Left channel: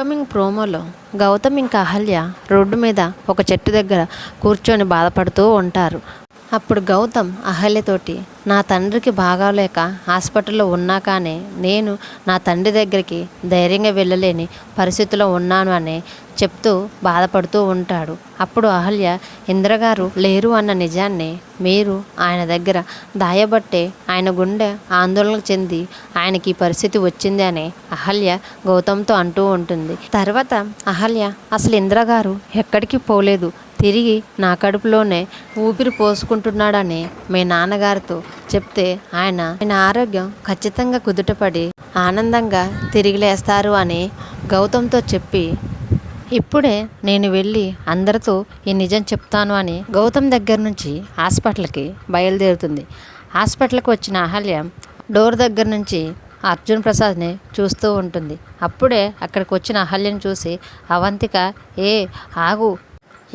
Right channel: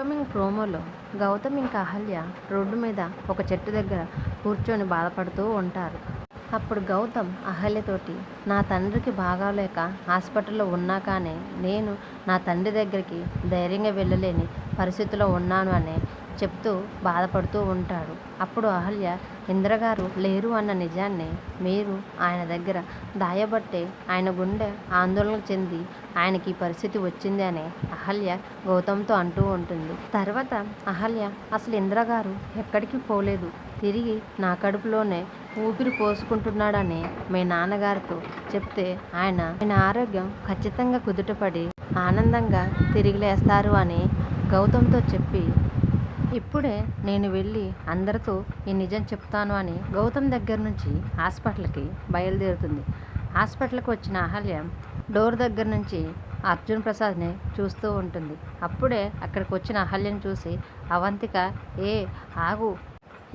Upcoming ప్రోమోలో గౌతమ్ ఇంకా Ahalya road మీద ఒక చెట్టు దగ్గర కూర్చొని బాధపడుతూ ఉంటారు. అప్పుడు గౌతమ్ అహల్యతోటి, నా తండ్రికి బాగాలేక హాస్పిటల్లో ఉన్నా కానీ నేను నా తండ్రి దగ్గరికి ధైర్యంగా వెళ్ళలేని పరిస్థితిలో ఉన్నాను అని చెప్తూ బాధపడుతూ ఉంటాడు. అప్పుడు అహల్య, ఇంద్రగారు లేరు అన్న నిజాన్ని మీరు ఆయన దగ్గర దాయబట్టే ఆయన గుండె ఆందోళన చెంది ఆయనకి ఈ పరిస్థితి వచ్చింది అని అహల్య గౌతమ్తో అంటూ ఉంటుంది. తర్వాత అహల్య, అసలు ఇంద్రగారు ఎక్కడికి పోలేదు, తిరిగి నా కడుపులోనే ఊపిరి పోసుకుంటున్నాడని మీ నాన్నగారితో చెప్తే ఆయన ఆరోగ్యం ఖచ్చితంగా కుదుటపడి ఆనందంగా తిరిగి లేస్తారు అని గౌతమ్తో చెప్పి, ఇప్పుడే నేను వెళ్ళి అందరితో ఈ నిజం చెప్తాను అని గౌతమ్ దగ్గర నుంచి హాస్పిటల్కి బయలుదేరుతుంది. హాస్పిటల్కి వచ్చిన అహల్య డోర్ దగ్గర నుంచి అర్జున్ ప్రసాద్ని చూస్తూ ఉంటుంది. అప్పుడే అక్కడికి వచ్చిన అహల్యను చూసి అవంతిక, ఏ ఆగు,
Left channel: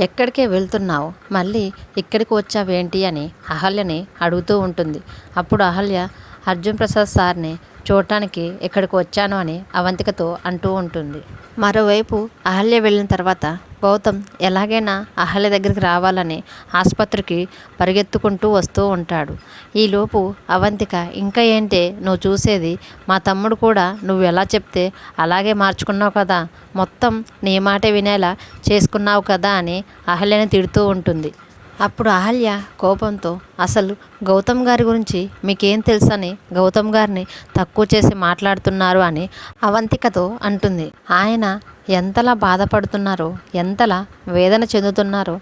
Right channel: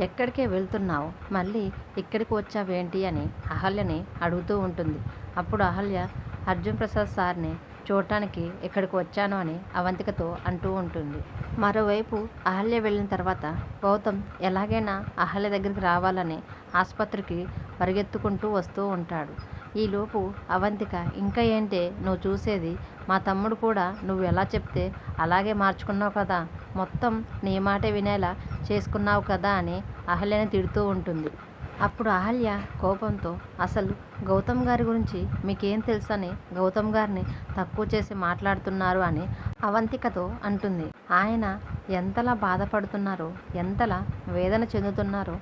ఎక్కడికే వెళ్తున్నావు, మళ్ళీ ఇక్కడికి వచ్చావేంటి అని అహల్యని అడుగుతూ ఉంటుంది. అప్పుడు అహల్య, అర్జున్ ప్రసాద్ సార్ని చూడటానికి ఇక్కడికి వచ్చాను అని అవంతికతో అంటూ ఉంటుంది. మరోవైపు అహల్య వెళ్ళిన తర్వాత గౌతమ్ ఎలాగైనా అహల్య దగ్గరికి రావాలని ఆసుపత్రికి పరిగెత్తుకుంటూ వస్తూ ఉంటాడు. ఈలోపు అవంతిక, ఇంకా ఏంటే నువ్వు చూసేది, మా తమ్ముడు కూడా నువ్వు ఎలా చెప్తే అలాగే మార్చుకున్నావు కదా, మొత్తం నీ మాటే వినేలా చేసుకున్నావు కదా అని అహల్యని తిడుతూ ఉంటుంది. అప్పుడు అహల్య కోపంతో, అసలు గౌతమ్ గారి గురించి మీకేం తెలుసని గౌతమ్ గారిని తక్కువ చేసి మాట్లాడుతున్నారు అని అవంతికతో అంటుంది. ఆయన ఎంతలా బాధపడుతున్నారో, ఎంతలా వేదన చెందుతున్నారో,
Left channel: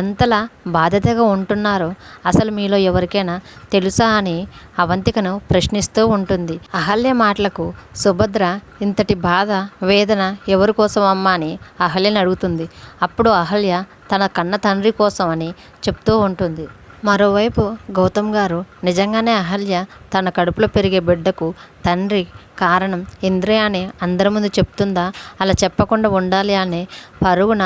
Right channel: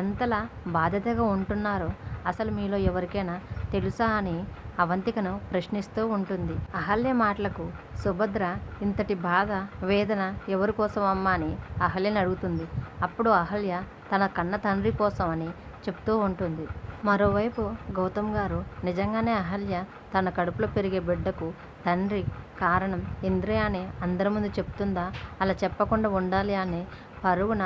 ఎంతలా బాధ్యతగా ఉంటున్నారో అసలు మీలో ఎవరికైనా తెలుసా అని అవంతికను ప్రశ్నిస్తూ ఉంటుంది. అహల్య మాటలకు సుభద్ర, ఇంతటి బాధ వేదన ఎవరి కోసం అమ్మా అని అహల్యని అడుగుతుంది. అప్పుడు అహల్య తన కన్న తండ్రి కోసం అని చెప్తూ ఉంటుంది. మరోవైపు గౌతమ్ గారు నిజంగానే అహల్య తన కడుపులో పెరిగే బిడ్డకు తండ్రి కారణం ఇంద్రే అని అందరి ముందు చెప్తుందా, అలా చెప్పకుండా ఉండాలి అని పరుగున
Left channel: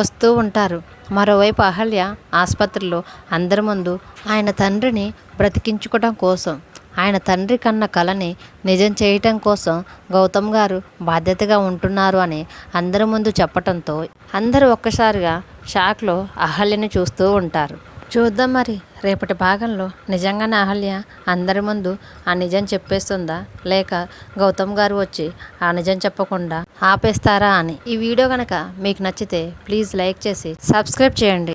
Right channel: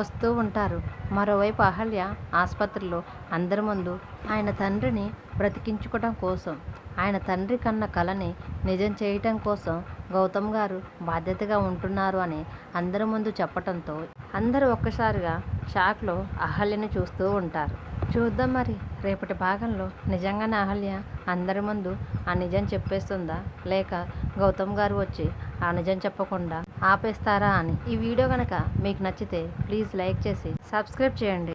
వస్తూ ఉంటారు. మరోవైపు అహల్య ఆసుపత్రిలో అందరి ముందు ఆయన తండ్రిని బ్రతికించుకోవడం కోసం, ఆయన తండ్రి కన్న కలని నిజం చేయటం కోసం గౌతమ్ గారు బాధ్యతగా ఉంటున్నారు అని అందరి ముందు చెప్పటంతో అందరూ ఒక్కసారిగా షాక్లో అహల్యని చూస్తూ ఉంటారు. చూద్దాం మరి రేపటి భాగంలో నిజంగానే అహల్య అందరి ముందు ఆ నిజం చెప్పేస్తుందా, లేక గౌతమ్ గారు వచ్చి ఆ నిజం చెప్పకుండా ఆపేస్తారా అని. ఈ వీడియో కనుక మీకు నచ్చితే ప్లీజ్ లైక్ చేసి సబ్స్క్రైబ్ చేయండి.